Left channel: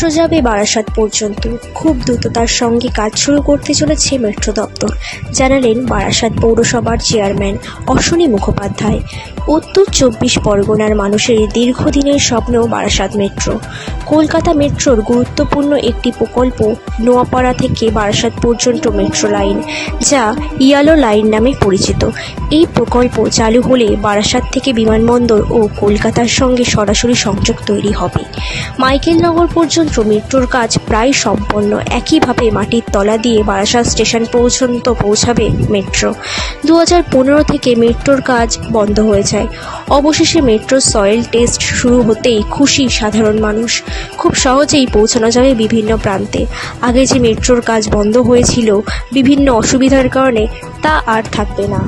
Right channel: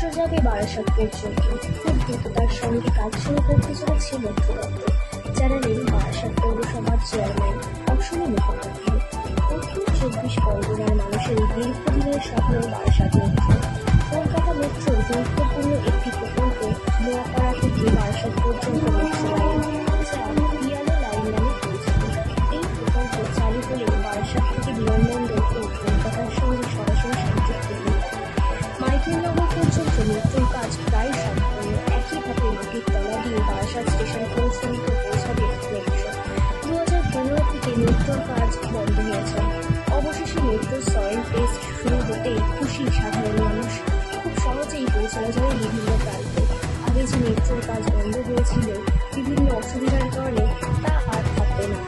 Metro যাবে বারাসাত পর্যন্ত। খুব দ্রুততার সঙ্গে কাজ শুরু করতে চলেছে মেট্রো দপ্তর, জানালেন বারাসাত পৌরসভার চেয়ারম্যান অশ্বনী মুখোপাধ্যায়। উত্তর 24 পরগনার মানুষের দীর্ঘদিনের স্বপ্ন বারাসাত মেট্রো। কলকাতা মেট্রোর গুরুত্বপূর্ণ একটি প্রকল্প নোয়াপাড়া থেকে বারাসাত পর্যন্ত মেট্রো লাইন, যা ইয়েলো লাইন নামে পরিচিত। এই প্রকল্প চালু হলে বারাসাত থেকে বিমানবন্দর ও কলকাতার সঙ্গে সরাসরি সংযোগ তৈরি হবে। মাইকেলনগর পর্যন্ত মেট্রোর কাজ প্রায় সম্পন্ন। একইভাবে মাটির তলা দিয়ে বারাসাত স্টেশন পর্যন্ত পৌঁছাবে মেট্রো। 2015 থেকে মেট্রোর কাজ বন্ধ হয়ে যায়। অবশেষে মেট্রোর সয়েল টেস্ট শুরু হতেই খুশি সাধারণ মানুষ। খুব সহজেই পৌঁছানো যাবে বিভিন্ন প্রান্তে। আগে যে মেট্রোর কাজ বন্ধ হয়েছিল বিভিন্ন অসুবিধার কারণে, তা আর থাকবে না।